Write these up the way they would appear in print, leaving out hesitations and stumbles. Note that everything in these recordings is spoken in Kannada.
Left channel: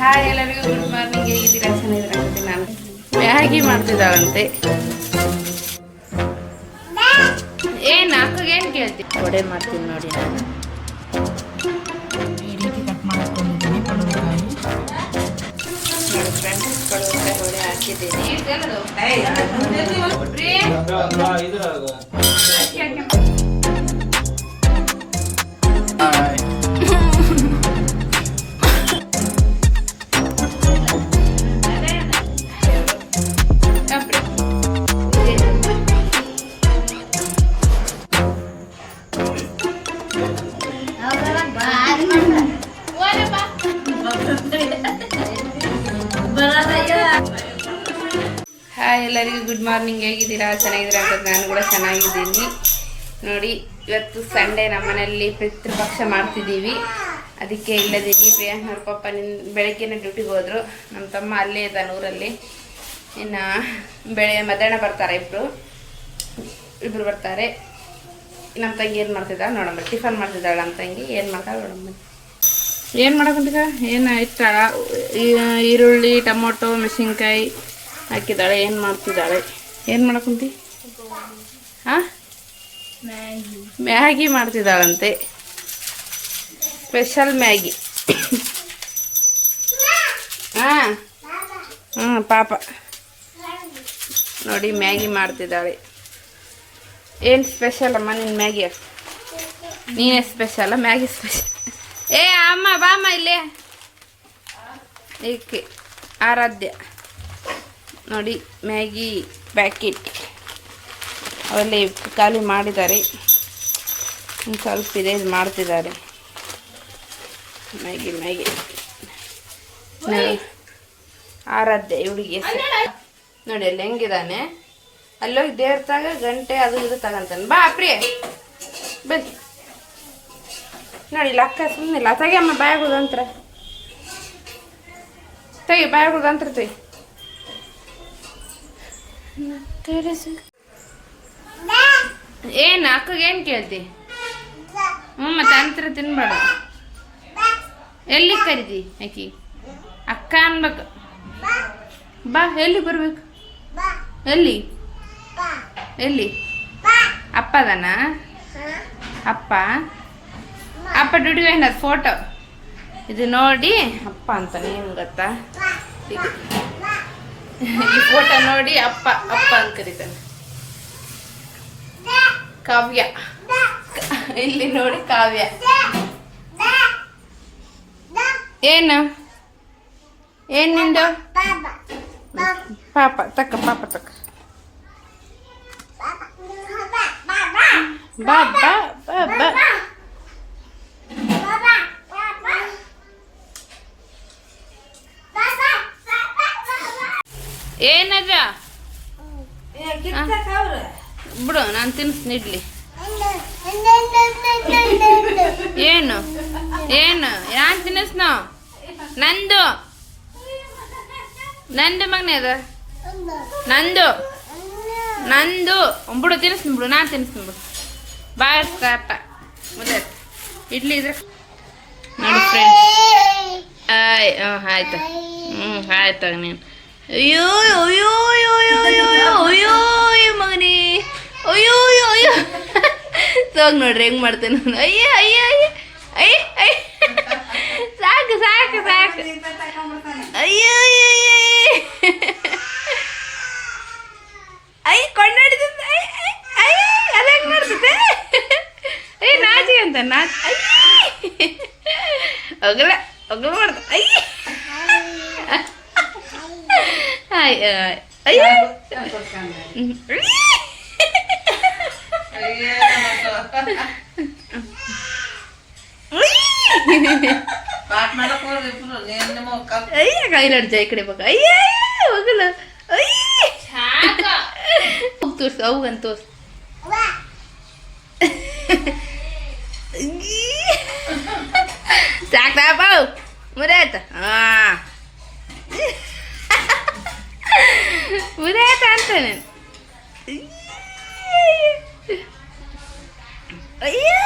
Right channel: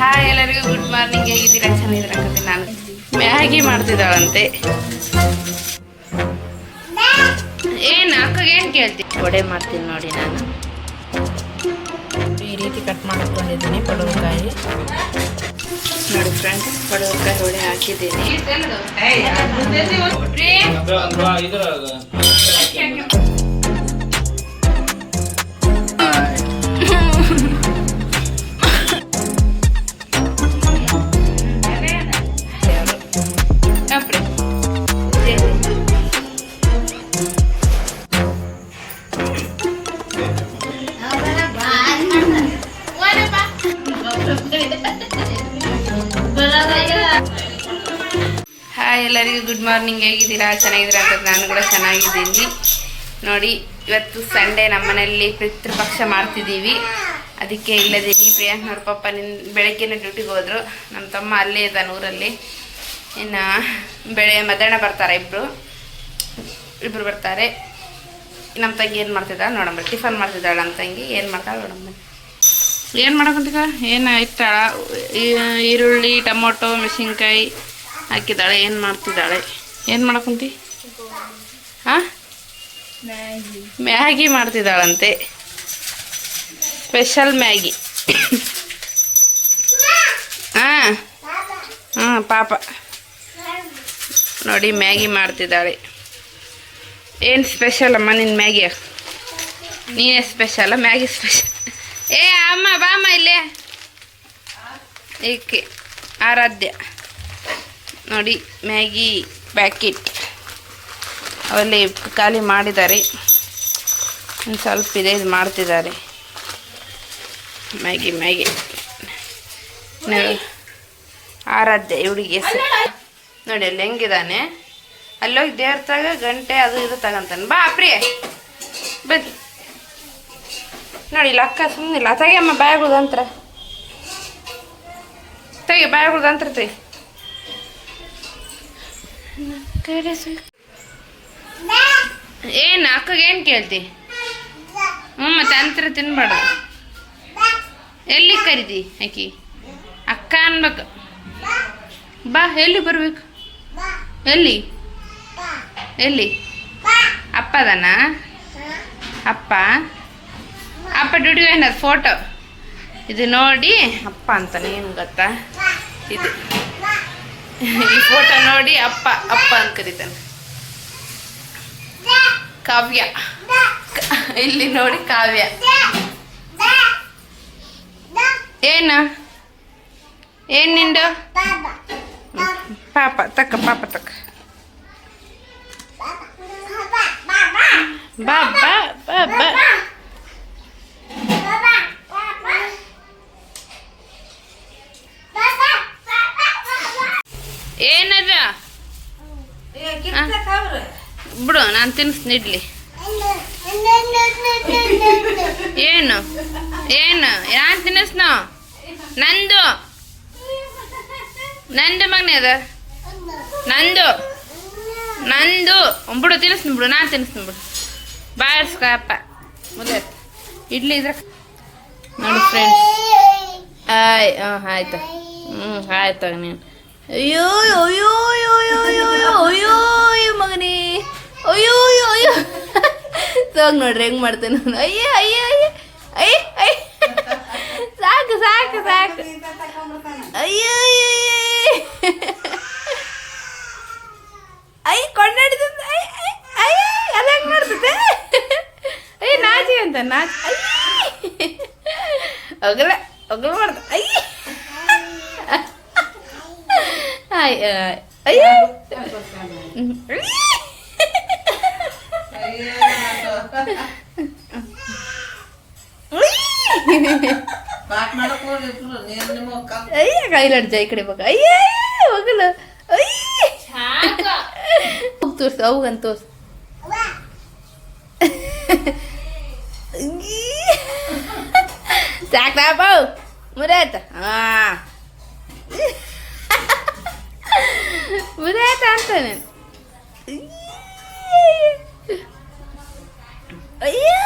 ಹಾಯ್ ಎಲ್ಲರಿಗೂ ಗುಡ್ ಮಾರ್ನಿಂಗ್. ಹೇಗಿದ್ದೀರಾ? ಚೆನ್ನಾಗಿದ್ದೀರಾ? ನಾನು ಮ್ಯಾಗಿ ಮಾಡ್ತಿದ್ದಾಳಂತೆ. ಏನು ಅಕ್ಕಗೆ ಏನು ಕೇಳ್ತೀನಿ? ವಡೆ ಮಾಡ್ತೀನಿ ನೋಡಿ. ನಾನು ಈ ರೀತಿ ಕಟ್ ಮಾಡ್ಕೊಂಡಿದ್ದೀನಿ ಪಡವಲಕಾಯಿ ನೋಡಿ ಫ್ರೆಂಡ್ಸ್, ಪಡವಲಕಾಯಿ ವಡೆ ಹಾಕಿದ್ದೀನಿ. ಹಾಯ್ ಎಲ್ಲರಿಗೂ ಗುಡ್ ಮಾರ್ನಿಂಗ್. ಹೇಗಿದ್ದೀರಾ? ಚೆನ್ನಾಗಿದ್ದೀರಾ ಅಂತ ನಾನು ಕೂಡ ಚೆನ್ನಾಗಿದ್ದೀನಿ ನೋಡಿ. ಇವತ್ತು ಸಂಡೇ, ನಮ್ಮನೆಯಲ್ಲಿ ಪಿತೃಪಕ್ಷ ಮಾಡ್ತಿದ್ದೀವಿ. ಅದಕ್ಕೆ ಇಲ್ಲದೀನಿ. ಪ್ರಿಯಾಂಕನವ್ರ ಪಪ್ಪ ಬೆಳಗ್ಗೆನೇ ಡ್ಯೂಟಿಗೆ ಹೋದರು. ನಮ್ಮ ತಮ್ಮ ಅಲ್ಲೇ ಇದ್ದಾನೆ ಊರಲ್ಲಿ. ಇನ್ನು ಮಧ್ಯಾಹ್ನ ಬರ್ತಾರೆ ಇಬ್ಬರು ಬರ್ತಾರೆ. ನಮ್ಮ ತಂಗಿ ಏನು ಮಾಡ್ತಿದ್ದಾಳೆ ನೋಡಂಬ. ಟಿಫನ್ ಮಾಡ್ತಿದ್ದಾಳೆ ನಮ್ಮ ತಂಗಿ. ಏನು ಮಾಡ್ತಾಳೆ ನೋಡಂಬ. ಏನು ಮಾಡಕೊಂತೀಗ? ಏನು ಇಟ್ಟಾಳ? ಈರುಳ್ಳಿ, ಟೊಮೊಟೊ, ಮೆಣಸಿನ್ಕಾಯಿ ಹಾಕಿದ್ದಾಳೆ. ಏನು ಮಾಡ್ತಿದ್ದಾಳೆ? ಏನು ಮಾಡಕೊಂತಿ? ಹಾಂ, ಮ್ಯಾಗಿ ಮಾಡ್ತಿದ್ದಾಳಂತೆ. Special Maggi. ಹಾಂ ಹಾಂ ಪಾಪ ನೋಡಿ ಮ್ಯಾಗಿ ಮಾಡ್ತಿದ್ದಾಳೆ. ಏನು ಸ್ಪೆಷಲ್ ಅಮ್ಮ ನಿನ್ನ ಮ್ಯಾಗಿ? ನೀನೇ ಸ್ಪೆಷಲ್ಲ, ಮ್ಯಾಗಿ ಸ್ಪೆಷಲ್. ಏ ಅಮ್ಮ ಬಾಮ್ಮ ಇಲ್ಲೇ. ಏಕೆ ಆರಾಧ್ಯ ನೋಡಿ ಮ್ಯಾಗಿ ಪ್ಯಾಕೆಟ್ ಅವಲ್ಲಿ ಖಾಲಿ ಮಾಡಿದ್ದಾರೆ. ಒಂದು ಸ್ವಲ್ಪ ಇದೆ, ಇದು ಮಾಡ್ತಿದ್ದಾರೆ ಮ್ಯಾಗಿ. ಆರಾಧ್ಯ ಇವಳಿಗೆ ಹೆಸರು ನೋಡಿ. ಅಲ್ಲಿ ಹೆಂಗಿದ್ದಾನೆ, ಅಲ್ಲೋಗಿ ದೇವ್ರ ತಾಗ ಗಂಟೆ ಅದು ಇದು ತಗೊಂತಾನೆ. ಬಾ ಪ್ರಿಯ ಬನ್ನಿ ನೋಡಿ. ಇಲ್ಲ ಅಕ್ಕ ಸುಮ್ಮನಿಲ್ಲ. ತೆಗಿಯಮ್ಮ ಬಾಯಾಗುದಂತ್ರ, ತೆಗಿ ಬಾಯಾಗುದಂತ್ರ ತೆಗಿ. ಏನು ಅಕ್ಕಗೆ ಏನು ಕೇಳ್ತಿ? ಮತ್ತೆ ಅಂತರ ತಿನ್ಬಾರ್ದು. ಎಲ್ಲಿ ಕರಿದಿ ಆಕಿ? ಅಕ್ಕ ಅನ್ಬೇಕು. ಬಾ. ಎಲ್ಲಿ ಬರ್ಬೇಕು? ಎಲ್ಲಿ ಅಪ್ಪ ಅದಾನ? ಅಪ್ಪ ಡ್ಯೂಟಿಗೆ ಏನದು ಫೋಟೋ ಇದು ನೋಡಿ ಅಪ್ಪ ಅಂತಾನೆ. ಏನು ಗೊತ್ತಾ, ಇದು ಈ ಫೋಟೋ ನೋಡಿ ಅಪ್ಪ ಅಂತ ಕರೀತಾನೆ. ಕಾವ್ಯ ಇಲ್ಲಿ ನೋಡಿ ಕಾವ್ಯ. ಏನು ನಿಂದು? ಪಾಪ ತಕ್ಕ ಬಾ ಬಾ. ಏನದ ಬಿಡು, ನಾನು ತಿನ್ನಿಸ್ತೀನಿ ಇಡ್ಲಿ. ಏನು ನಾನು ತಿನ್ನಿಸ್ನೋ? ನಂದು ಮಗನೇ ಅದ. ನಂದು ಬಿಡು, ತಿನ್ನಿಸ್ತೀನಿ ಬಿಡು. ನಾನು ತಿನ್ನಿಸ್ತೀನಿ ಬಿಡು. ಬಾಯರ್ಸ್ಕಪ್ಪ ಮುರಿಯತ್ ಇಡ್ಲಿ ಇದ್ರೆ ನೋಡಿ ಫ್ರೆಂಡ್ಸ್. ಆಯ್ತು. ಆಯ್ತಾಗ ನೀನು. ಅಯ್ಯೋ ಮಗನೇ, ಅಯ್ಯೋ ಸೋಗ್ ನೋಡ್ರಿ ಹೆಂಗ್ ಮಾಡ್ತೇನೆ ನಾನು. ಅಯ್ಯ ಸಾಕು ಅಯ್ಯೋ ಕೊಂಡಾಡಿದ. ಅದ ಹೆಂಗ್ ಮಾಡ್ತದೆ? ನಾಚಿ ಅಂತ ಒಗಲ ಮಾಡ್ತ. ಅಯ್ಯ ಕೈಲಾಡ್ಜ ಈ ಕಡೆ ಬಗ. ಅಯ್ಯ ಹೋಗಲ್ಲ. ತೋರ್ಸು ಅವಗಂತ ತೋರ್ಸು. ಸಾಕ್ತಾಪ ಮುರಿಯಾತ. ಮುರಿಯಾತ ಅಂತಾನೆ. ಅಯ್ಯೋ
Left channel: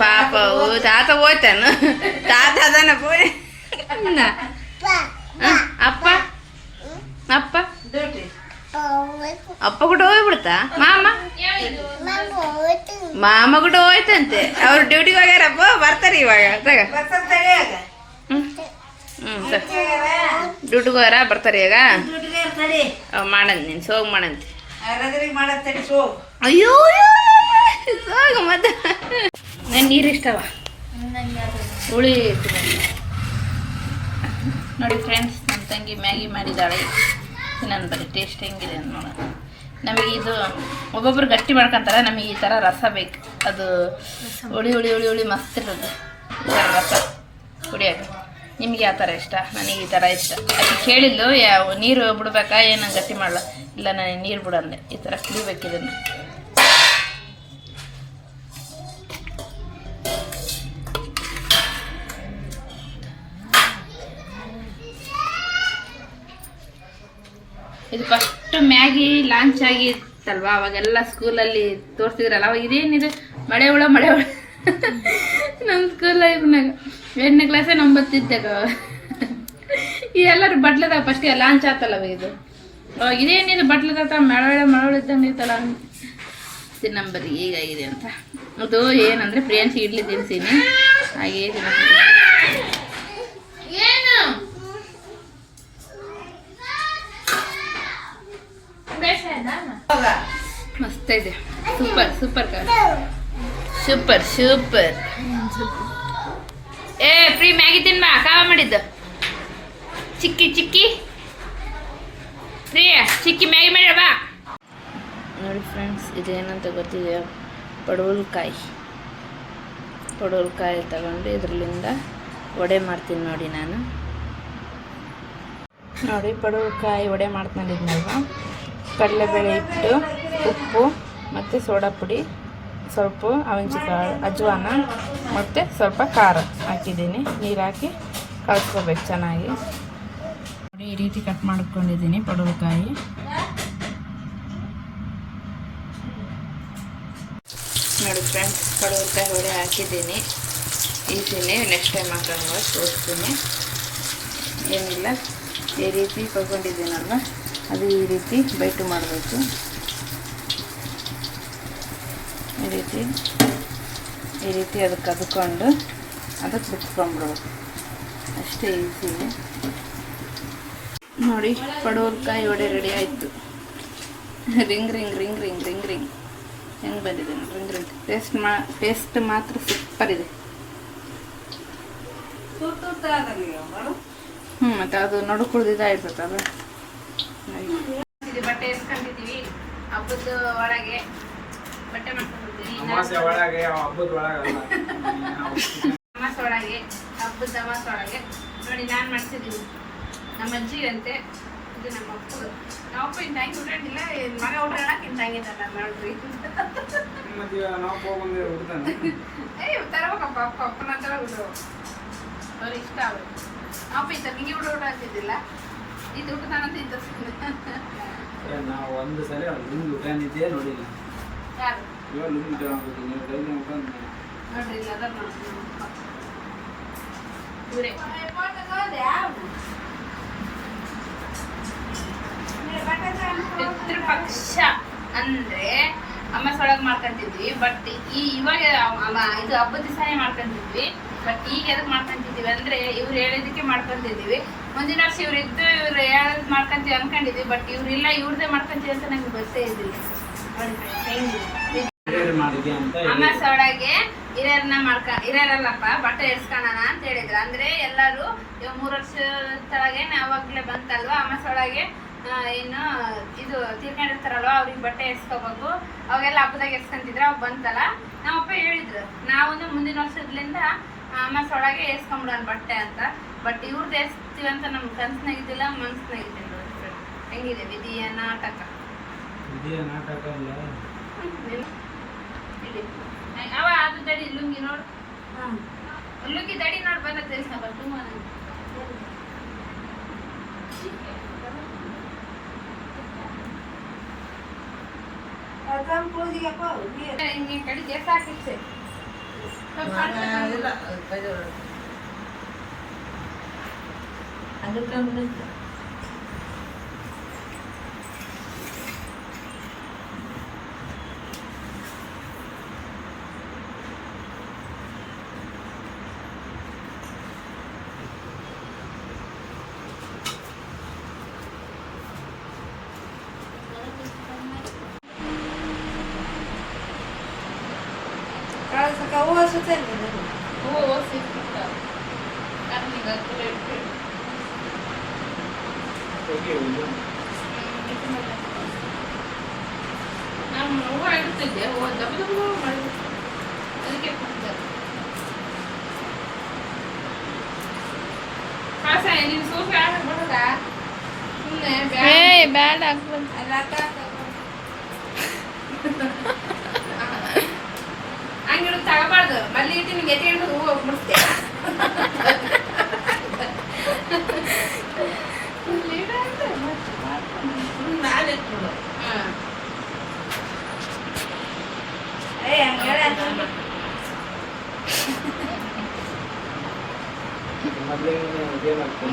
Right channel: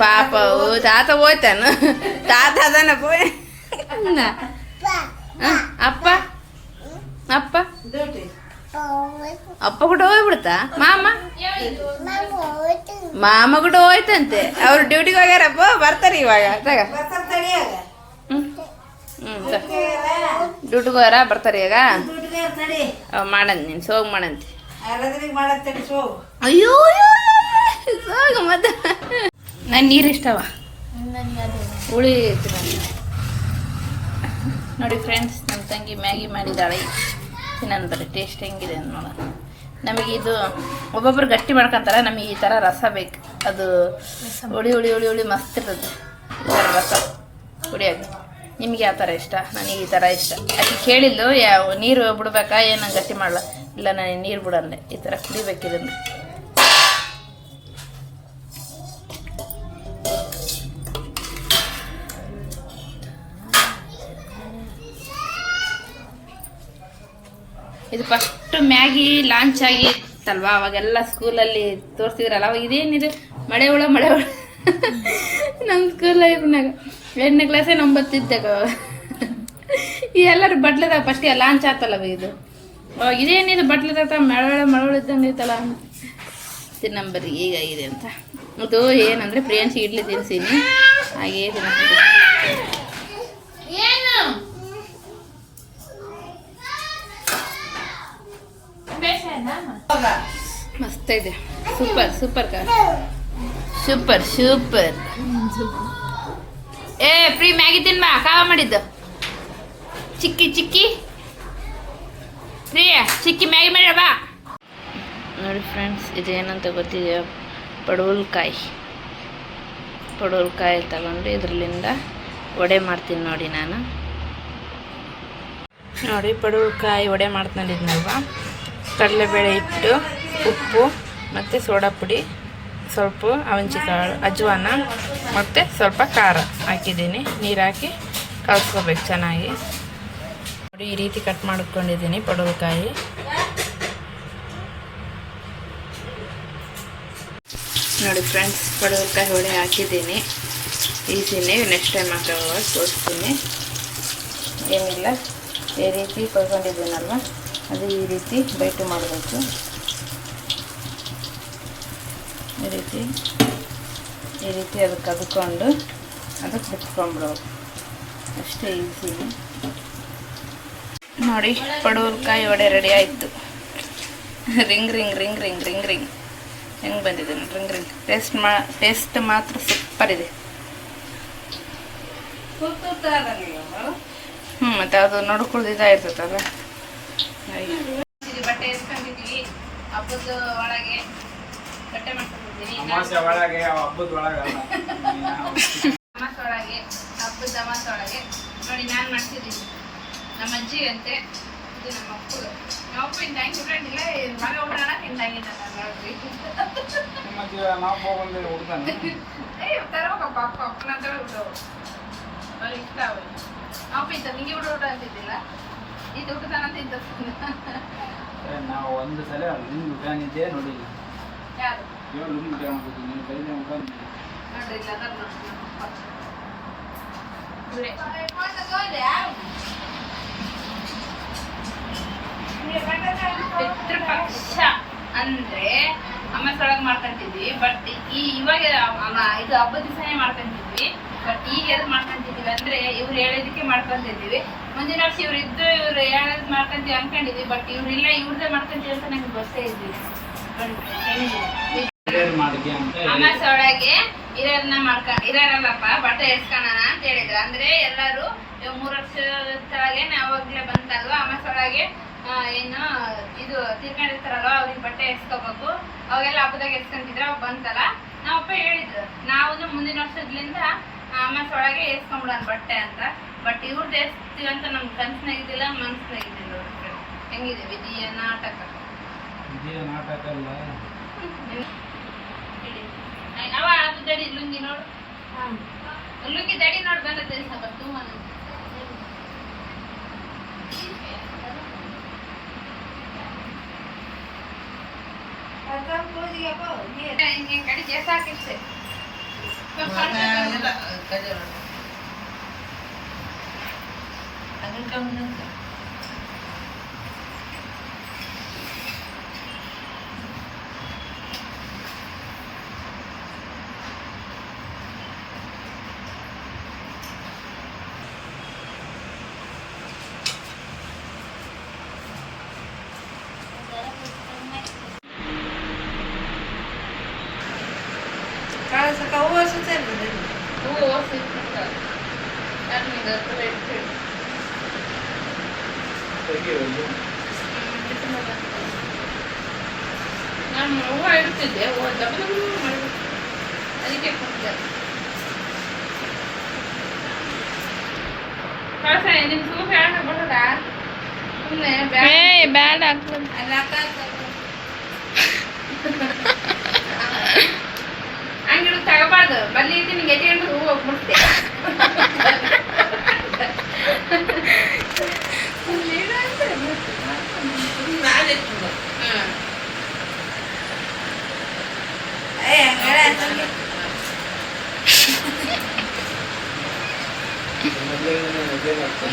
ಪಾಪ ತಾತ ಹೋಯ್ತಾನ ತಾತ ಅದನ್ನ పోయి ಅಪ್ಪ ಅಪ್ಪ ಅಪ್ಪ ಕೂಡ ಹೋಗ್ಬಿಡ್ತಾ ಮಾಮ ಕೂಡ ಹೋಯ್ತಂತೆ ಅವ್ರು ಡ್ಯೂಟಿಗೆ ಹೋಗ್ಯಾರಪ್ಪ ಬರ್ತಾರೆ ಇವಾಗ ತಗ ಡ್ಯೂಟಿಗೆ ಹೋಗ್ಯಾರ ಬರ್ತಾರೆ ಈಗ ಮಾಡಂತ ನೀನು ಸೋಗ್ ಮಾಡಂತೆ ಅಯ್ಯೋ ಸೋಗ ಮತ್ತೆ ನಂಗೆ ನೀರು ಇಷ್ಟವ ಹುಳಿ ನೋಡಿ ಫ್ರೆಂಡ್ಸ್ ನಮ್ಮ ತಂಗಿ ಮ್ಯಾಗಿ ಮಾಡಿದ್ದಾಳೆ ತಿನ್ನೋಣ ಬರೀ ಟೇಸ್ಟ್ ಹೆಂಗಿದೆ ಅಂತ ನೋಡೋಣ ನಮಗೆ ಇದು ಒಬ್ಬೊಬ್ರು ಗಟ್ಟಿ ಮಾಡ್ಕೊತಾರೆ ನಮಗೆ ಈ ಥರ ರಸ ಬೇಕು ಅದು ಹುಳಿ ಹುಳಿ ಹುಳಿ ಹುಳಿ ಮಸ್ತ್ ಇರ್ತದೆ ಈ ಥರ ರಸ ಕುಡಿಯೋಕೆ ನಿಮಗೆ ಯಾವ ಥರ ಇಷ್ಟ ನನಗೆ ಈ ಥರ ಇಷ್ಟ ಯಾಕೆ ಕೇಳಿದ್ದು ಯಾವ ನೀರು ಬಿಡ್ಬೇಕಾ ಏನು ಗಟ್ಟಿ ಮಾಡಲ್ಲ ಇಲ್ಲ ನನಗೆ ನೀರು ಬಿಡಂದೆ ಈ ಥರ ಕುಡಿಬೇಕಿದನ್ನು ಇದು ಫಸ್ಟ್ ಮ್ಯಾಗಿ ಲಾಂಚ್ ಆಗಿತ್ತಲ್ವಾ ಅವಾಗೆಲ್ಲ ಸ್ಕೂಲಲ್ಲಿ ತೋರಿಸಿದ್ರಲ್ಲ ಅವಾಗ ಇದೇನಿದು ಮಳೆ ಹುಳ ನಮ್ಮ ಸ್ಕೂಲ್ ಲೈಫ್ನಾಗ 8ನೇ ಕ್ಲಾಸೇ 9 ಇದ್ದಾಗ ಈ ಎಲ್ಲರೂ ಬಟ್ಲದಾಗ ಫಸ್ಟ್ ಲಾಂಚ್ ಆತಲ್ಲ ಇದು ಅವಾಗ ಇದೇನಿದು ಬಟ್ಲದಾಗ ಮಳೆ ಇದ್ದಂಗೆ ಐತಲ್ಲ ತಿನ್ನಂಬರಿ ಹೀಗಾಗಿದೆ ಅಂತ ಅದು ಏನಂದರೆ ಪ್ರಿಯಾಂಶಿ ಇಡ್ಲಿ ತಿನ್ಸೀನಿ ಹಾಗೇ ತಿನ್ನೋದು ಮಸ್ತ್ ಇದೆ ಸೂಪರ್ ಸೂಪರ್ ಸೂಪರ್ ಸೂಪರ್ ಏ ಫ್ರೀ ಮ್ಯಾಗಿ ತಿನ್ಬಾ ಕಾವ ಮಾಡಿದ್ದು ಚಿಕ್ಕಿ ಚಿಕ್ಕಿ ಪ್ರಿಯ ಚಿಕ್ಕಿ ಮ್ಯಾಗಿ ಮಾಡ್ಯ ಬಾ ನೋಡಿ ಫ್ರೆಂಡ್ಸ್ ಇದೇನಂತ ಗೊತ್ತಿದೆ ಪಡವಲ್ಕಾಯಿ ತಗೊಂಡು ಇದರಲ್ಲಿಂದ ವಡೆ ಮಾಡ್ತೀನಿ ನೋಡಿ ನಾನು ನೋಡಿ ಪಡವಲ್ಕಾಯಿ ವಡೆ ಮಾಡ್ಕೊಂಡಿದ್ನಲ್ವ ಕಡಲೆಬೇಳೆ ಹಿಟ್ಟು ಉಪ್ಪು ಮತ್ತು ಸೋಡಾ ಪುಡಿ ಸ್ವಲ್ಪ ಅವಂಚಿಕಾಳು ಅಜ್ವಾನ ಮತ್ತು ಸ್ವಲ್ಪ ಖಾರ ಹಾಕಿದ್ದೀನಿ ನೀರು ಹಾಕಿ ಕಲ್ಸ್ಕೋಬೇಕು ಚೆನ್ನಾಗಿ ನೋಡಿ ಈ ರೀತಿ ಕಟ್ ಮಾಡ್ಕೊಂಡಿದ್ದೀನಿ ಪಡವಲಕಾಯಿ ನೋಡಿ ಫ್ರೆಂಡ್ಸ್ ಪಡವಲಕಾಯಿ ವಡೆ ಹಾಕಿದ್ದೀನಿ ಈಸಿನೇ ನೆಕ್ಸ್ಟ್ ಟೈಮ್ ಹಾಕುವಾಗ ತೋರಿಸ್ತೀನಿ ಏನಿಲ್ಲ ಈ ರೀತಿ ಕೊಯ್ಕೊಂಡಿದ್ದೀನಲ್ವ ಅದು ಈ ರೀತಿ ಬೈಟು ಮಾಡಬೇಕು ಈ ರೀತಿ ಅದಕ್ಕೆ ಕದ್ಕೊಂಡು ಅದಕ್ಕೆ ಬಿಚ್ಕೊಂಡ್ಬಿಡೋದು ಅಷ್ಟೇ ಈಸಿಲಿ ನೋಡಿ ಪಡವಲಕಾಯಿ ವಡೆ ರೆಡಿ ಆಯಿತು ring ring ring ring ring ring ಹೆಂಗೆ ಬಂದಿದೆ ನೋಡಿ ರಿಂಗ್ ರಿಂಗ್ ಟೇಸ್ಟ್ ಮಾತ್ರ ಸೂಪರ್ ಇದೆ ಮತ್ತು ಅದು ನೋಡ್ಕೊಳ್ದಿದ್ದಾಗಿರ್ತದಲ್ಲ ಬಟ್ಟೆ ಎಸ್ಕೊಂಡಿದ್ದೀವಿ ಹಬ್ಬದ ಒಳಗೆ ಬಟ್ಟೆ ಮಾಡ್ಕೊಂಡಿದ್ದೀನಿ ಅಮಾಸೆ ಒಳಗೆ ಹಬ್ಬದ ಒಳಗೆ ನೋಡಿ ನಾನು ಮಾಡ್ತಿದ್ದೀನಿ ನಮ್ಮ ಅಜ್ಜಿ ಅಂತೆ ಇದು ನಮ್ಮ ಅಪ್ಪದು ನಮ್ಮಪ್ಪ ಇನ್ನು ಹೆಂಗೆ ಉಟ್ಕೊಂಡಿಲ್ಲ ಮಗ ಉಡೋಣ ತಿಂದಾಗಿದ್ರಿ ತರಬೇಕಪ್ಪ ಅಪ್ಪನ ಹತ್ರ ಉಡ್ರು ಅವ್ರು ಇಷ್ಟ ಅವರು ಅಪ್ಪ ಇದ್ದ ನಿಂಗೆ ಊಟ ಅಂತಿದ್ದಿಲ್ಲ ಇದು ಊಟತಾನಂತ ಇಂತ ನಾವು ಒಂದು ಸಲ ಲಿಂಗ್ ಉಟಾನಿದ್ದೇ ನೋಡಿಲ್ಲ ಯಾರು ಲಿಂಗ್ ಊಟ ಮಾಡ್ಬೋದು ನೀವು ಕೈಲಿ ಮುಖಂಡು ನೋಡ್ರಿ ಇಲ್ಲ ಪಿತೃಪಕ್ಷ ಅಂದ್ರೆ ಅಮ್ಮಸೊಳಗೆ ಮಾಡ್ಕೊಂತಿದ್ವಿ ಬಟ್ ಇವಾಗ ಇದು ಹಬ್ಬದ ದಿವಸನೇ ಮಾಡ್ಕೊಂತಿದ್ವಿ ಬಟ್ ಈಗ ಎದಕ್ಕೆ ಮಾಡ್ಕೊಂತಿದ್ವಿ ಅಂದ್ರೆ ಇವ್ರು ಹೇಳಿದಕ್ಕೆ ಮಾಡ್ಕೊಂತಿದ್ವಿ ಮುಂದಿನ ವರ್ಷ ಇವ್ರು ಇದ್ದು ಇವ್ರು ಯಾವ್ದು ಮಾಡ್ಕೊಂತೀವಿ ಅನ್ಕೊಂಡಿದ್ವಿ ಬಟ್ ಇವ್ರಿಲ್ಲ ಇವ್ರದೇ ಮಾಡ್ಕೊಂತೀವಿ ಅಂತ ನಂಗೆ ಗೊತ್ತೇ ಇದ್ದಿಲ್ಲ ಅಮ್ಮಸೊಳಗೆ ಹಿರಿಯರಲ್ಲಪ್ಪ ಬಟ್ಟೆ ಎಡ್ಸ್ಕೊಳ್ಳೋಣ ಅಂತ ಹೇಳಿದ್ರು ಅಂದ್ರೆ ಎಲ್ಲರೂ 3 ವರ್ಷದ ಕೆಳಗೆ ಅವಾಗಲೇ ಬಂತಲ್ವಾ ಅಮ್ಮಸೊಳಗೆ ಏನು ಇದು ತೀರ್ಕೊಂಡಿರ್ತಾರಲ್ವ ಅವ್ರಿಗೆ ಬಟ್ಟೆ ಎಸ್ಕೋಬೇಕು ಅವಾಗೆಲ್ಲ ಹಬ್ಬದಾಗ ಎಸ್ಕೊಂತಿದ್ರು ಅವಾಗ ಬಂತಲ್ಲ ನಾವಪ್ಪ ಹೇಳಿದ್ರು ನಾವು ಮುಂದಿನ ವರ್ಷದಿಂದ ಅಮ್ಮಸೊಳಗೆ ಎಸ್ಕೊಂಬಿಡೋಣ ಬಟ್ಟೆ ಅಂತ ಬಟ್ ಇವ್ರದ್ದು ಎಸ್ತೀವಿ ಅಂತ ನಮ್ಗೆ ಕನ್ಸ್ನಾಗ ಇದ್ದಿಲ್ಲ ಮನ್ಸ್ನಾಗ ಇದ್ದಿಲ್ಲ ಹೆಂಗಿದೆ ವಿಧಿಯ ನಾಟಕ ಅಲ್ಲ ಅವ ಅದು ದಡಿ ಲುಂಗಿ ನೋಡು ಲುಂಗಿ ದಡಿ ನೋಡಿ ಬಂದದ್ದು ತೆಗಿ ಒಂದು. ನಾನು ಹೂವು ಇಡ್ತಿದ್ದೆ ಅದಕ್ಕೆ ನಿನ್ ಸೂಪ್ ಹೇಳೋಣ ಸುಮ್ಮನೆ ಬ್ಯಾಡ ಆಗ್ತದೆ. ಹಂಗಿಡು ತಗೋಬಾರ್ದು ಬಲ್ಲಿ ಇಟ್ಟು ನಿಂಗೆ ಎತ್ಕೊಂಡು ಹೂವು ಹೋಗ್ಬಿಡ್ತೆ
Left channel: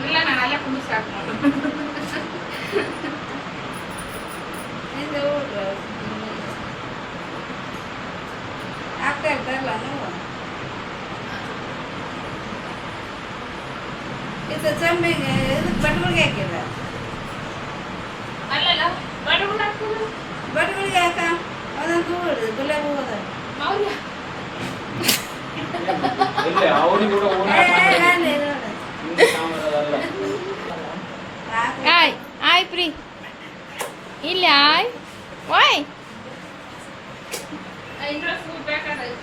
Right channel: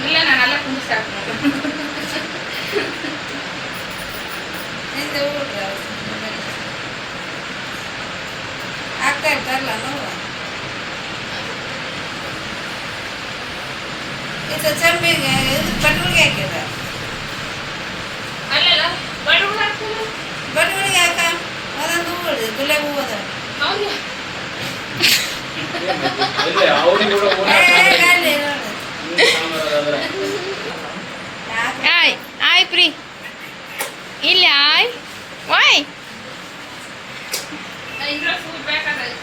ಇಲ್ಲ ನಾನೆಲ್ಲ ಕುಂದಿಸಿ ಆಗ್ತಾ ಇರ್ತಾರಲ್ಲ ನಾವು ಇದು ಚಂಬಿಗೆ ಇದು ಬಡವಳಿಗೆ ಹಾಕಿದ ಅಲ್ಲಲ್ಲ ಬಡವಳಿಗೆ ಹಾಕ ಅದೊಂದು ಹೂವು ಹಿಡಿದು ಗುಲಾಬಿ ಹೂವು ಅದ ಎಲ್ಲಿ ಅವ್ರಿಗೆ ಕೂಡ ಓನ್ ಹಾಕ್ತಾರೆ. ಆಯ್ ಆಯ್ ಪ್ರೀ ಇಲ್ಲ ಆಯ್ ವಾಯ್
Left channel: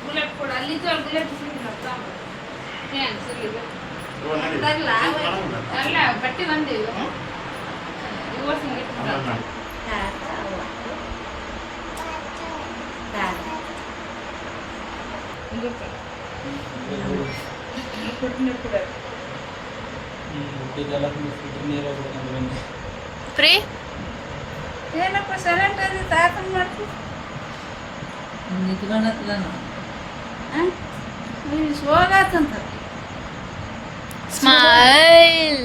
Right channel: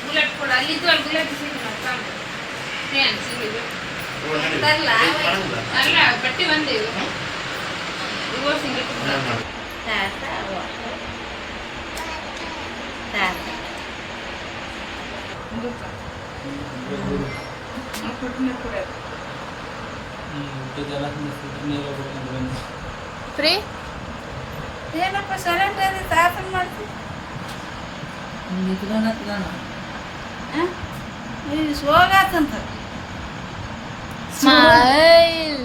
ಗುಲಾಬಿ ಕೊಡ ಅಲ್ಲಿದ್ದು ಅಲ್ಲಿ ಗುಲಾಬಿ ಸಿಗುತ್ತೆ ಅಲ್ಲ ಕಟ್ಟಿ ಬಂದೇವು ಹೂವು ಸಿಗುತ್ತೆ ಇದೆಲ್ಲ ನೀರು ಬಿಡ್ಕೊಂಡು ಬಂದು ಪ್ರೀ ಏನಪ್ಪ ಸೈಲೆಂಟ್ ಆಗಿ ತಾಪನ್ ಮಾಡ್ತೀವಿ ಸೋಗಾತಂತ ಸ್ಮೈಲ್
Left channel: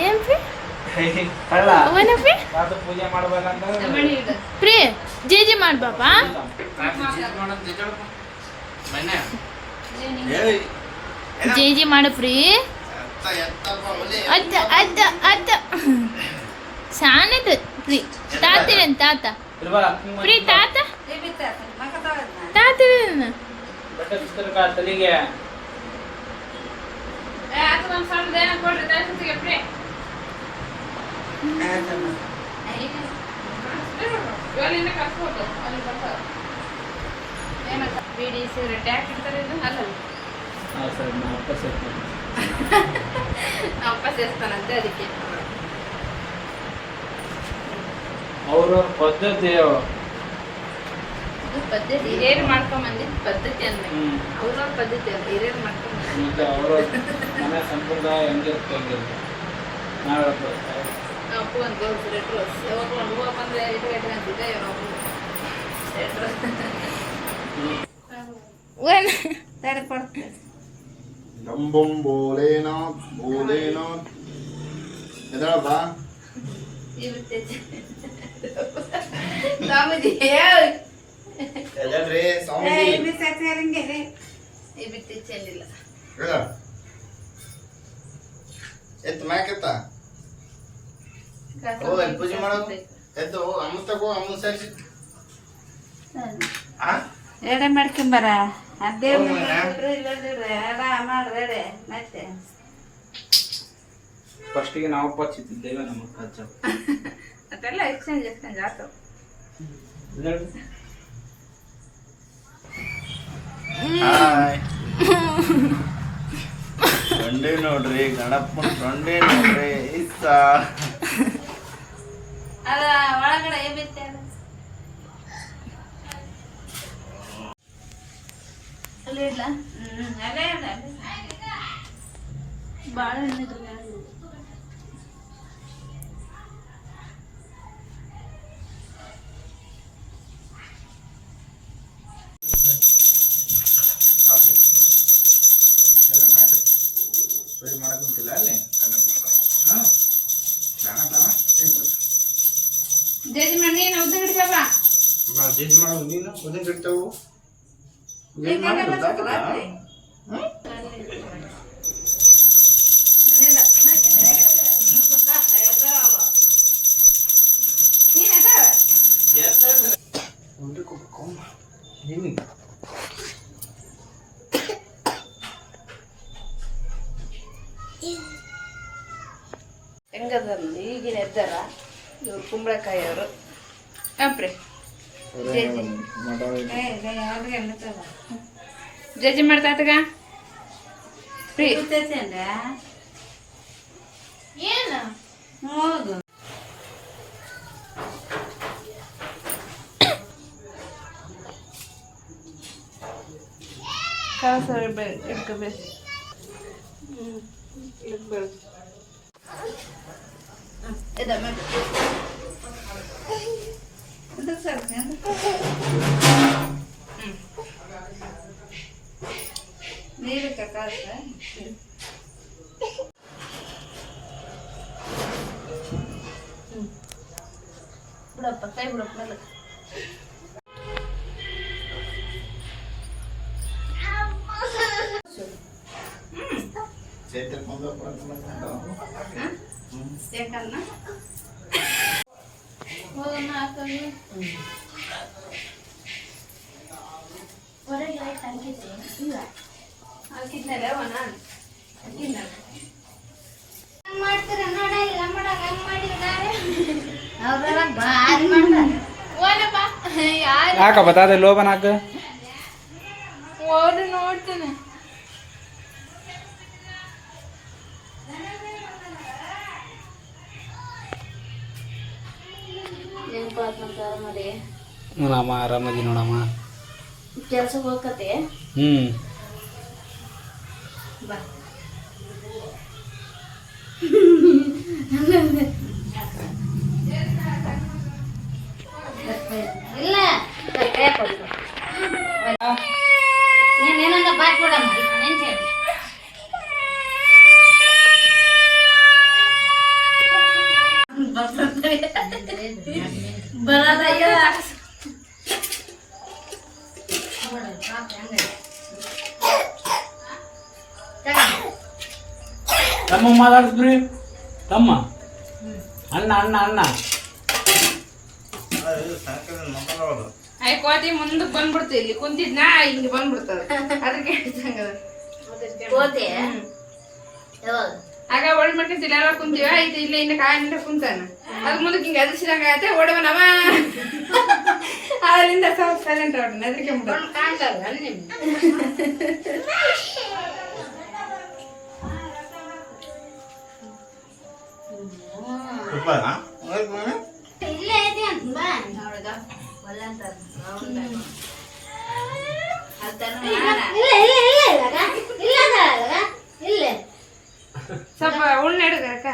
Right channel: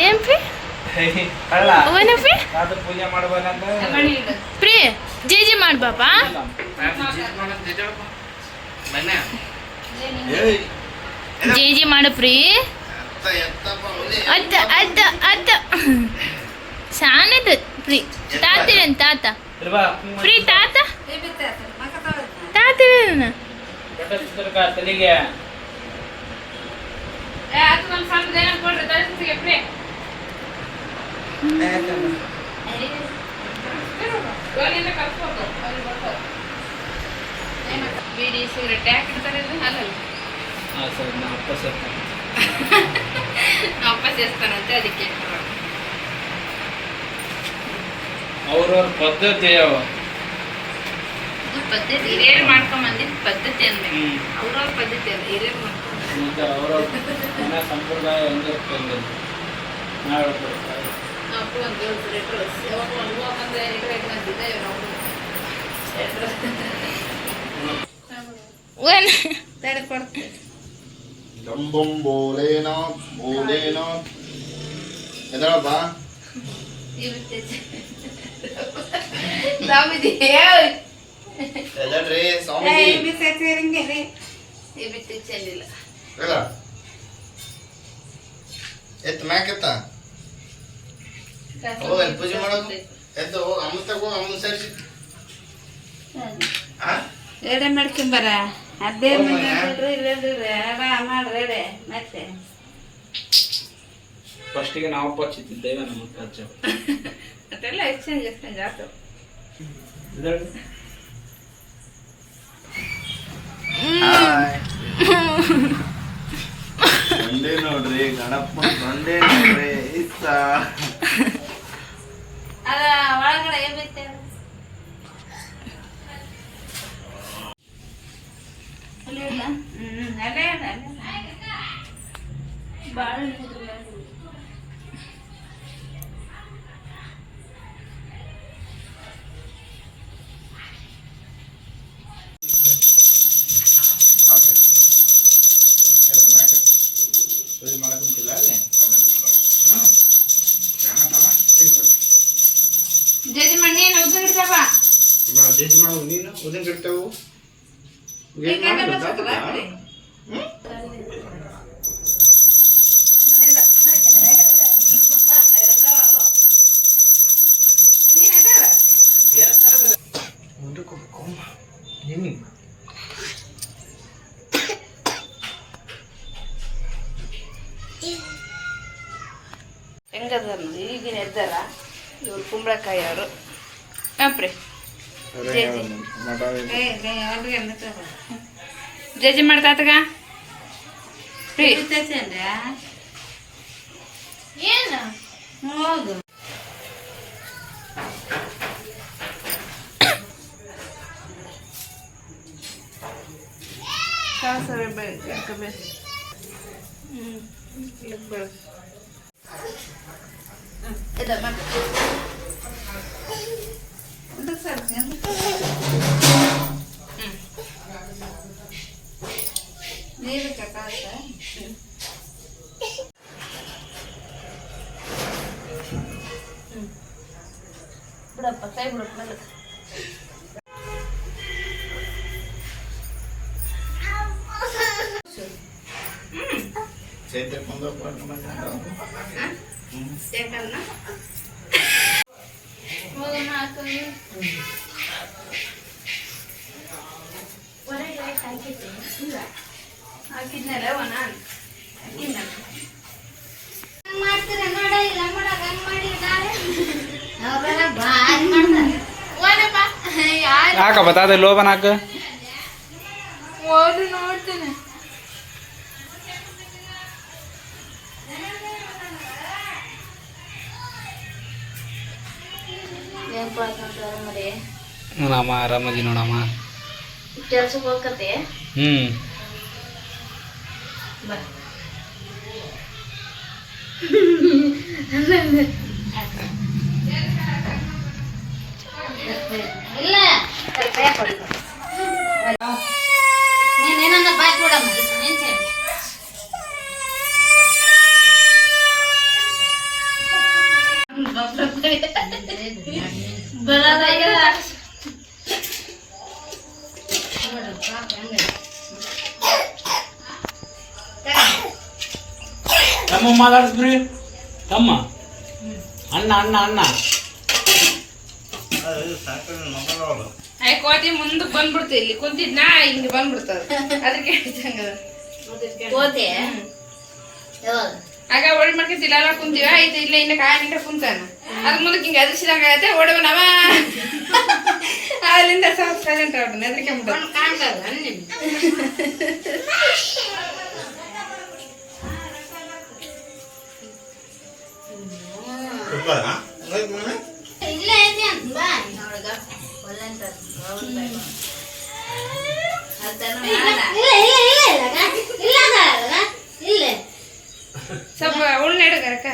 ಏನ್ ಪ್ರೀ ಅಲ್ಲ ಅವನ ಪ್ರೀ ಅದು ಪೂಜೆ ಮಾಡ್ಬೇಕಂತ ಪ್ರೀ ಜೇಜಿ ಮಾಡ್ ಬಾಪ ಜೇಜಿ ಮಾಡು ಪ್ರೀ ಅದ್ದ ಅದ್ದ ಅದ್ದ ಸಾನದ ಪ್ರೀ ತಾತಿರನ್ ತಾತ ಪ್ರೀ ತಾತ ತಾತಿರನ್ ತಲೆಗೆ ಒಂದು ಸಣ್ಣದ ಏನೋ ಕೊಡ್ರಿ ತಲೆಗೆ ಪ್ರೇ ಗೋಲಿನ ಕರ್ಸ್ಕೊಡ್ರಿ ಅವ್ರಿಗೆ ಬರ್ತಾರೆ ಏನಪ್ಪ ಬಿಡಿ ಸಿಗರೇಟ್ ಯಾಕೆ ಇಡ್ತಾರೆ ಇದು ಅಲ್ಲ ಸರಿ ನಾ ವಾಪಸ್ ಇರ್ತೀನಿ. ವಾಪಸ್ ಎಸ್ತಾನಂತೆ ಅದಕ್ಕೆ ಅವ್ರವ್ರ ಪದ್ಧತಿ ಅವ. ಇದು ಪದ್ಧತಿ ಹಿರಿಯರು ಮಾಡ್ಕೊಂಬಂದಿದ್ದು ಪದ್ಧತಿ ಅಂದ್ಮೇಲೆ ಹ್ಮ್. ಅವ್ರವ್ರ ಪದ್ಧತಿ ಅಲ್ಲ ಹಿರಿಯರು ಮಾಡ್ಕೊಂಡು ಮತ್ತೆ ಅವ್ರವ್ರ ಮನೆ ಸಂಪ್ರದಾಯ ಹೆಂಗಿರ್ತದೆ ನಾವು ಹೇಳ್ಬೋದು. ಅಪ್ಪು ಒಂದು ಗೋಲ್ಸ್ ರೆಟ್ರೋಸ್ ಯಾವಾಗ ಒಂದು ಹೂವು ಬಂದರೆ ರೇಟ್ ಅಂತಿದ್ದೆ ಒನ್ ತಡೆ ಕೊಡ್ತೀನಿ डम्बम भोलेनाथ भोलेनाथ ಎದಳಪ್ಪ ಸ್ವಾಮೀಜಿ ಎದಳ್ರಿ ಸ್ವಾಮೀಜಿ ಸೇರಂಗೆ ಈ ಬಿಟ್ಟು ಚೆಲ್ಲಿಲ್ಲ ಎದ ಎತ್ತು ಮ್ಯಾಕೆತ್ತ ಹೋಗಲ್ಲಿ ಪೂಜೆ ಮಾಡೋದು ಎದ್ದು ಹೋಗಿ ಅಮ್ಮ ತಗೋ ಅಮ್ಮನ ಸೇರಿಸಿ ರೆಡಿ ಮಾಡ್ಕೊಂಬರ ಅದೇ ಹೋಗ್ಮಯ್ಯ. ಮಾಡ್ರಿ ಮತ್ತೆ ಫಸ್ಟಿಗೆ ನಾವು ಪಚ್ಚಿದ್ದೇವೆ ನಮ್ಮ ರಾಜ್ಯ ಅದೆಲ್ಲ ಎಕ್ಸ್ಚೇಂಜ್ ಆಯ್ತು ಸಂಡೆ ನೋಡ್ರಿ ಗಣಪ ಸಂಡೆ ನೋಡ್ರಿ ಇಷ್ಟ ಅದ ಒಳಗಡೆ ಬಿತ್ತೆ ಅಲ್ಲೇ ಇಲ್ಲ ಅಲ್ಲೇ ಭಾಳ ಜಡ್ಜ್ ಮಾಡೋ ನೀನು ಉದಿನ ಕಟ್ತಾವು ಏನು ಮಾಡ್ತಾರೆ ಹೆಂಗದ ಈಗಿನ ಎದ್ದಾರ ಇವ್ರು ಕುಂಬಳಕಾಯಿ ಅವರು ಅಪ್ರಿ ಜಜ್ಜಿ ಮಾಡ್ತಾತಗ ಪ್ರೀ ಏನು ಹೌದು ಬಿಡಪ್ಪ ಕೈ ಬಿಡಪ್ಪ ಹಾಕಿದ್ನಲ್ಲ ನಾನು ಹಾಕ ಬತ್ತಾದ ಲೋಬನ್ ಹಾಕ ನೋಡ್ತೇನೆ ನೋಡಮ್ಮ ಆರಾಮದಿ ನೋಡಮ್ಮ ಕೆಲ್ಸಕ್ಕೆ ಹೋಗತ್ತೆ ಬಾ ಇಲ್ಲ ನೀನೇನನ್ನ ಬಾಯ್ ಕೊಡಮ್ಮ ನೆನ್ಸೇಳಿ ಬರೋದಾಗಲ್ಲ ತಮ್ಮ ಮಾತಾಡಿಸ್ರಿ ತಮ್ಮ ಅಣ್ಣ ಅಣ್ಣ ಅಣ್ಣ ಕೋತಿ ಮುಂದಕ್ಕೆ ಬಂದ್ಬಿಡ್ತು ಇಲ್ಲಿ ಕುಂತಿದ್ನ ಹಿಂಗೆ ಬಂದ್ಬಿಡ್ತದ ಅದಕ್ಕೆ ಕೋತೆ ಆಗ ಒಳ್ಳೆ ಮಾಡ್ಕೊಂತಿಲ್ಲ ಎಲ್ಲ ಕುಂತೀವ ಆಯ್ತು ಇಲ್ಲ ಇನ್ನ ಕಾಯಿ ನಿಂತ ಕುಂತಾನ ಅದ್ ಮುಂದಕ್ಕೆ ಹಿಂಗೆ ಅದಿಸಿದಂಗ ಆಗತ್ತೆ ಓಡವನವ ಅಲ್ಲಿಂದ ಸೈಲೆಂಟ್ ಆಡ್ತಾನೆ ಅದಕ್ಕೆ ಇಲ್ಲೇ ಐತಿ ಅಂತ ಬಾ ನೋಡ್ಗ ಒಲ್ಲಂತ ಇಲ್ಲ ಸ್ವಲ್ಪ ಉಣ್ಣೆಡು ಕರಕ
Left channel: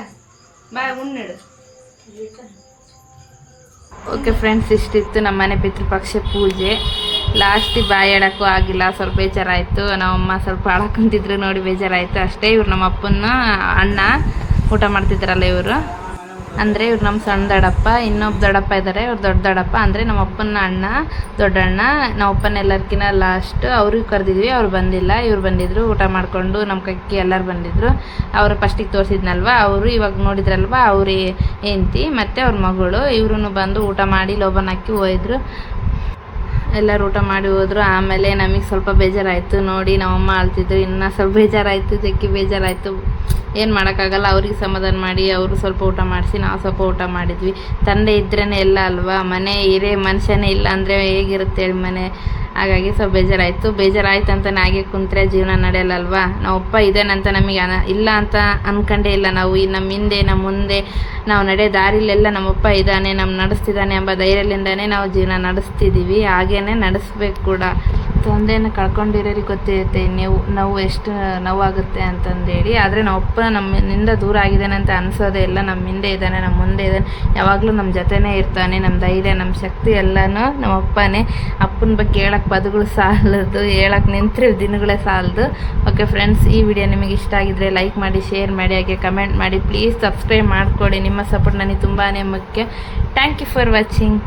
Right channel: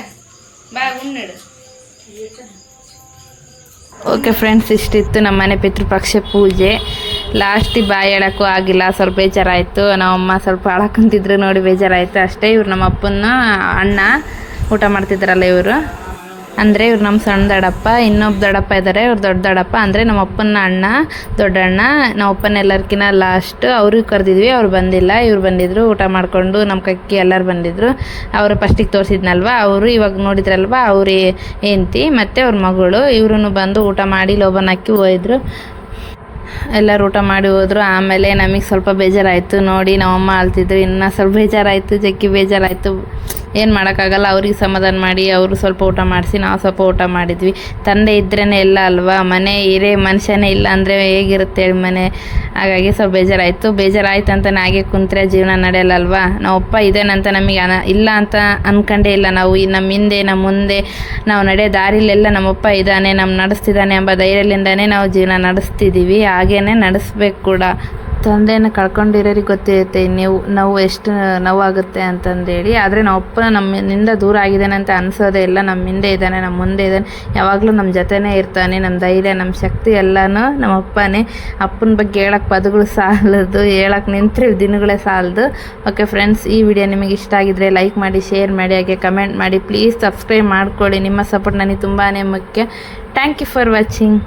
ಬಾ ಉಣ್ಣೆಡು. ಓಕೆ ಫ್ರೆಂಡ್ಸ್, ಇಷ್ಟಿತ್ತು ನಮ್ಮ ಮನೆ ಪಿತೃಪಕ್ಷ ಪೂಜೆ. ಲಾಸ್ಟಿಗೆ ಬಾಯಿ ಹೇಳೋಕ್ಕೂ ಆಗಿಲ್ಲ, ಸ್ವಲ್ಪ ಬೇಜಾರಾಯಿತು. ನಮ್ಮಮ್ಮ ಸ್ವಲ್ಪ ಅಳಕಂತಿದ್ರು ನೋಡಿ ಬೇಜಾರಾಯಿತು ಅಷ್ಟೇ. ಇವ್ರು ನಮ್ಮ ಅಪ್ಪನ ಅಣ್ಣ ಊಟ ಮಾಡ್ತಿದ್ರಲ್ಲ ಇವರು, ಅಂದರೆ ಇವ್ರು ನಮ್ಮ ಸಣ್ಣ ದೊಡ್ಡಪ್ಪ, ಇನ್ನೊಬ್ಬ ದೊಡ್ಡಪ್ಪ ಇದ್ದಾರೆ, ಇವ್ರು ದೊಡ್ಡ ದೊಡ್ಡಪ್ಪ, ಅಂದರೆ ನಮ್ಮ ಅಪ್ಪನ ಅಣ್ಣ ದೊಡ್ಡಣ್ಣ. ನಮ್ಮ ಅಪ್ಪನ ಎಲ್ಲರಿಗಿನ ಲಾಸ್ಟ್ ಅವ್ರಿಗೆ ಕರೆದಿದ್ವಿ, ಅವ್ರು ಬಂದಿಲ್ಲ. ಇವ್ರು ಬಂದಿದ್ದರು, ಊಟ ಮಾಡಿಕೊಂಡು ನಮ್ಮ ಕಕ್ಕಿ ಎಲ್ಲರೂ ಬಂದಿದ್ದರು. ಅವರು ಫಸ್ಟಿಗೆ ತೋರಿಸಿದ್ನಲ್ವ, ಅವರು ಇವಾಗ ನೋಡಿದ್ರಲ್ವ, ಅವ್ರ ಹೆಂಡ್ತಿ ಮತ್ತು ಅವ್ರ ಮಗಳು ಇವ್ರೂ ಬಂದು ಊಟ ಮಾಡಿ ಲೋಬನ್ ಹಾಕಿ ಹೋಯಿದ್ರು. ಎಲ್ಲರೂ ಊಟ ಮಾಡಿ ಹೋದರು. ಆಮೇಲೆ ನಮಗೆ ಸ್ವಲ್ಪ ಬೇಜಾರಾಯಿತು ನೋಡಿ, ನಮ್ಮಮ್ಮ ಅಳ್ತಿದ್ರು. ಇನ್ನೂ ಸ್ವಲ್ಪ ಬೇಜಾರಾಯಿತು, ಜಗ್ಗಿ ಬೇಜಾರಾಯಿತು. ಏನು ಮಾಡೋಕ್ಕಾಗಲ್ಲ, ಅವ್ರಿಗೆ ಸಮಾಧಾನ ಮಾಡಿ ಅವರು ಸ್ವಲ್ಪ ಊಟ ಮಾಡಿಸಿ ನಾವು ಸ್ವಲ್ಪ ಊಟ ಮಾಡಿದ್ವಿ. ತಂದೆ ಇದ್ರೇ ಎಲ್ಲ ಅಲ್ವಾ, ಮನೆ ಇರೇ ಮನುಷ್ಯನೇ ಇಲ್ಲ ಅಂದರೆ ಹೇಗಿರುತ್ತೆ ಹೇಳಿ ಮನೆ. ಹಾಗಾಗಿ ಸ್ವಲ್ಪ ಬೇಜಾರಾಯಿತು ಅಂತ ಹಾಗೆ ಕುಂತ್ರೆ ಜೀವನ ನಡೆಯಲ್ಲಲ್ವಾ. ನಾವಪ್ಪ ಇದೇನಂತ ನಮಗೆ ಇಲ್ಲ ಅಂತ ಅಂದ್ಕೊಂಡೇ ಇಲ್ಲ ನಾವು. ನಮ್ಮ ಹಿಂದೆ ನಮ್ಮ ಮುಂದೆ ನಾವು ನಡೆಯೋ ದಾರಿಲೆಲ್ಲ ನಮ್ಮಪ್ಪ ಇದ್ದಾನೆ, ನಮ್ಮ ನಡೆಸ್ತಿದ್ದಾನೆ ಎಂಬ ಧೈರ್ಯದಿಂದನೇ ನಾವು ಜೀವನ ನಡೆಸ್ತಿದ್ದೀವಿ. ಹಾಗೇ ನಡೆಸ್ಬೇಕು ಕೂಡ. ತಂದೆಯನ್ನು ಕಳ್ಕೊಂಡಿರೋರಿಗೆ ಗೊತ್ತಿರುತ್ತೆ ನೋವು ಎಷ್ಟು ನೋವಾಗುತ್ತೆ ಅಂತಂದೇಳಿ. ಆದರೆ ನಾವಪ್ಪ ನಮ್ಮಿಂದ ದೂರ ಆಗಿದ್ದಾನೆ ಅಂತ ಅನಿಸೋದೇ ಇಲ್ಲ. ನಮ್ಮ ಹಿಂದೆ ಇದ್ದಾನೆ, ನಮ್ಮ ಮುಂದೆ ಇದ್ದಾನೆ, ಯಾವಾಗಲೂ ನಮ್ಮ ಜೊತೆನೇ ಇರ್ತಾನೆ. ನಮ್ಮ ಧೈರ್ಯ, ನಮ್ಮ ಶಕ್ತಿ ಎಲ್ಲನೂ ನಮ್ಮ ಅಪ್ಪನೇ. ಅಪ್ಪನ ಬಗ್ಗೆ ಹೇಳೋಕ್ಕೆ ಪದಗಳು ಸಾಲದು, ಹೇಳೋಕ್ಕೆ ನಿಂತರೆ ದಿನಗಳೇ ಸಾಲದು. ಓಕೆ ಫ್ರೆಂಡ್ಸ್, ಈ ವಿಡಿಯೋ ನಿಮಗೆ ಇಷ್ಟ ಆಗಿದ್ರೆ ಲೈಕ್ ಮಾಡಿ, ಶೇರ್ ಮಾಡಿ, ಹಾಗೆ ಕಮೆಂಟ್ ಮಾಡಿ. ಪ್ಲೀಸ್ ಸಬ್ಸ್ಕ್ರೈಬ್ ಮಾಡ್ಕೊಳ್ಳಿ. ನಿಮ್ಮ ಸಪೋರ್ಟ್ ನನಗೆ ತುಂಬಾ ಮುಖ್ಯ. Thank you for watching.